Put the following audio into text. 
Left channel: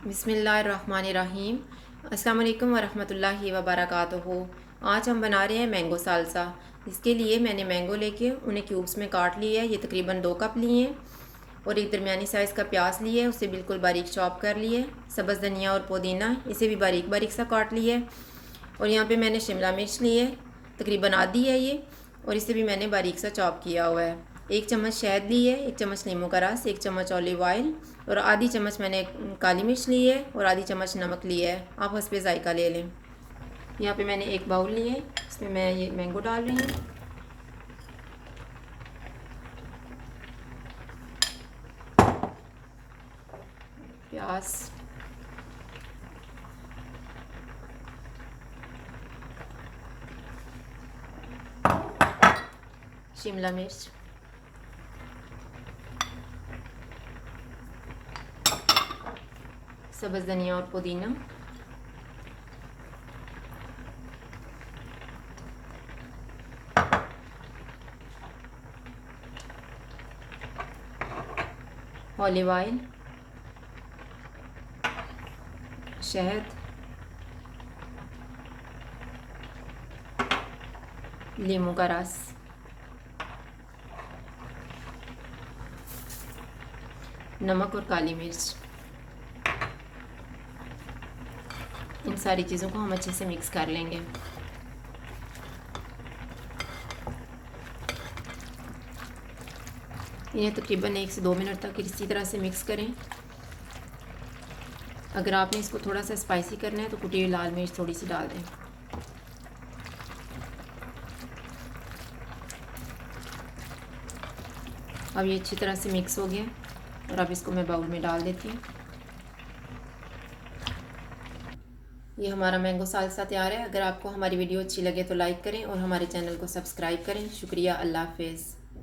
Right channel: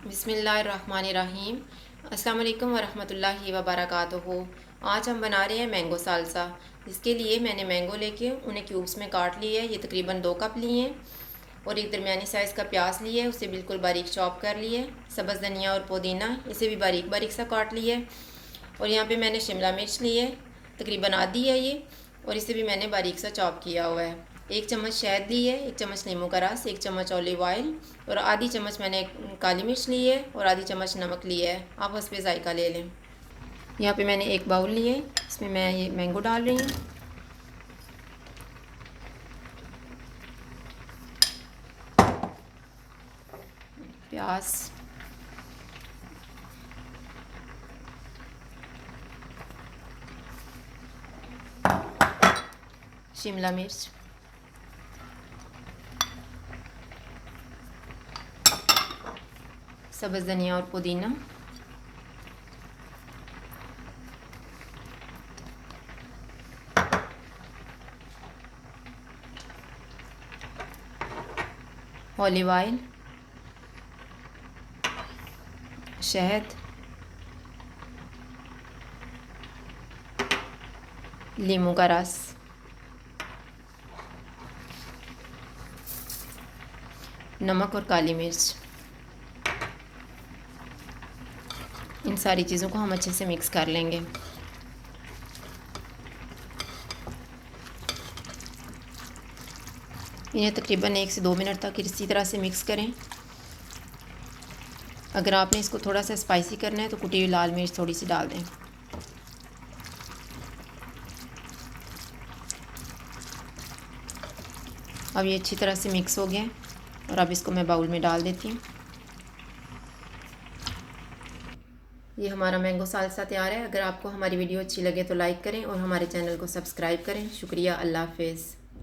बिस्मिल्लाहिर्रहमानिर्रहीम। अस्सलाम वालेकुम वरहमतुल्लाहि वबरकातुहू। आज हम बना रहे हैं मैंगो सालसा। इसके लिए मैंने मैंगो लेके उन्हें क्यूब्स में काट लिया है। ये तकरीबन 2 कप लिए हैं और एक दरमियानी साइज़ का प्याज लिया है, उसे बिल्कुल बारीक चॉप कर लिया है। सब्ज़ धनिया और पुदीना इसे भी बारीक बारीक सा काट लिया है। और यहाँ पे मैंने शिमला मिर्च ली है, तकरीबन आधी है ये, और इसे भी मैंने बारीक सा चॉप किया हुआ है। 1 चम्मच शहद ली है, 1 चम्मच नींबू का रस, 1 चम्मच ऑलिव ऑयल और आधी चम्मच मैंने काली मिर्च ली है और आधी चम्मच नमक लिया है। आप हस्बे ज़ायका ले लें। यहाँ पे मैंने एक बाउल लिया है, इसमें मैं ये मैंगो डाल रही हूँ। प्याज, शिमला मिर्च, सब्ज़ धनिया और पुदीना, ऑलिव ऑयल, शहद, नींबू का रस, नमक और काली मिर्च। इन सारी चीज़ों को हम अच्छे से मिक्स कर लेंगे। इन्हें तकरीबन 1 से 2 मिनट तक इसी तरह से मिक्स करें। अगर आपने इसको थोड़ा सा स्पाइसी करना है तो कुटी हुई लाल मिर्च थोड़ी सी डाल दें। अब ये अच्छी तरह से मिक्स हो गया और अब इसको मैं बाउल में डाल देती हूँ। ये हमारा मैंगो सालसा तैयार है। अगर आपको हमारी वीडियो अच्छी लगे तो लाइक करें और हमारे चैनल को सब्सक्राइब करें। शुक्रिया। अल्लाह हाफ़िज़।